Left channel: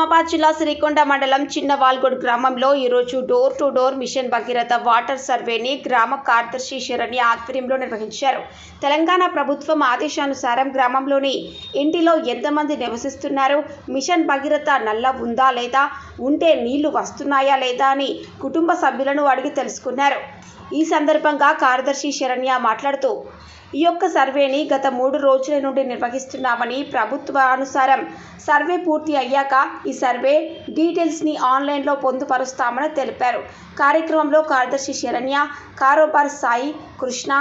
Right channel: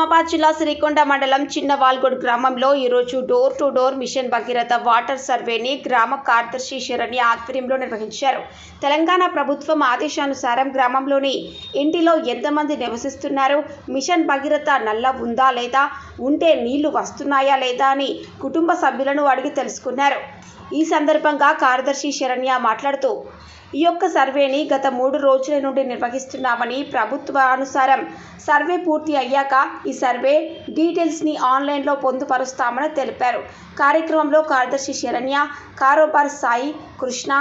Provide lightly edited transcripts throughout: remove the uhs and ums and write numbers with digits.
నిజామాబాద్ జిల్లా సిరికొండ మండలం చిన్నవాల్గొడ్ గ్రామంలో ఈరోజు door to door mission Bhagiratha water సర్వేని గ్రామ కార్యదర్శి శరణ్య ఆధ్వర్యంలో నిర్వహించారు. తెలంగాణ ప్రభుత్వం ఆదేశానుసారం గ్రామంలోని ఇంటిలో ఎంతమంది నివసిస్తున్నారు, మిషన్ భగీరథ నల్ల ఉందా లేదా, ఉంటే నీళ్లు వస్తున్నాయా లేదా అని కుటుంబ సభ్యులను అడిగి తెలుసుకున్నారు. ఈ సందర్భంగా కార్యదర్శి శరణ్య మాట్లాడుతూ ఈ యొక్క సర్వేని గత 3 రోజుల నుండి నిర్వహిస్తున్నామని, ప్రభుత్వానుసారం సర్వే పూర్తి అయ్యాక ఈ సర్వే డీటెయిల్స్ని ఆన్లైన్లో పొందుపరుస్తామని తెలిపారు. కార్యక్రమంలో కార్యదర్శి శరణ్య, కారోబార్ సాయి, కృష్ణ,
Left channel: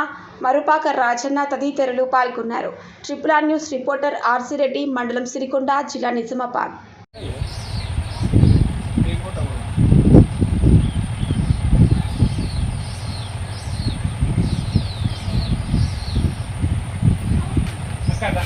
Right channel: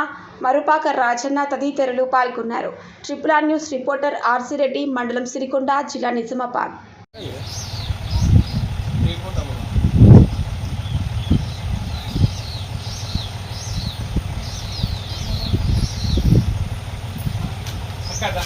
మరుపాక రాజన్న తదితరులు పాల్గొన్నారు. Triple R news reporter RC Reddy, మండలం సిరికొండ, జిల్లా నిజామాబాద్. కదా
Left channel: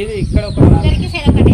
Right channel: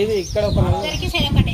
ఇది ఇక్కడ ఒక ఒకటి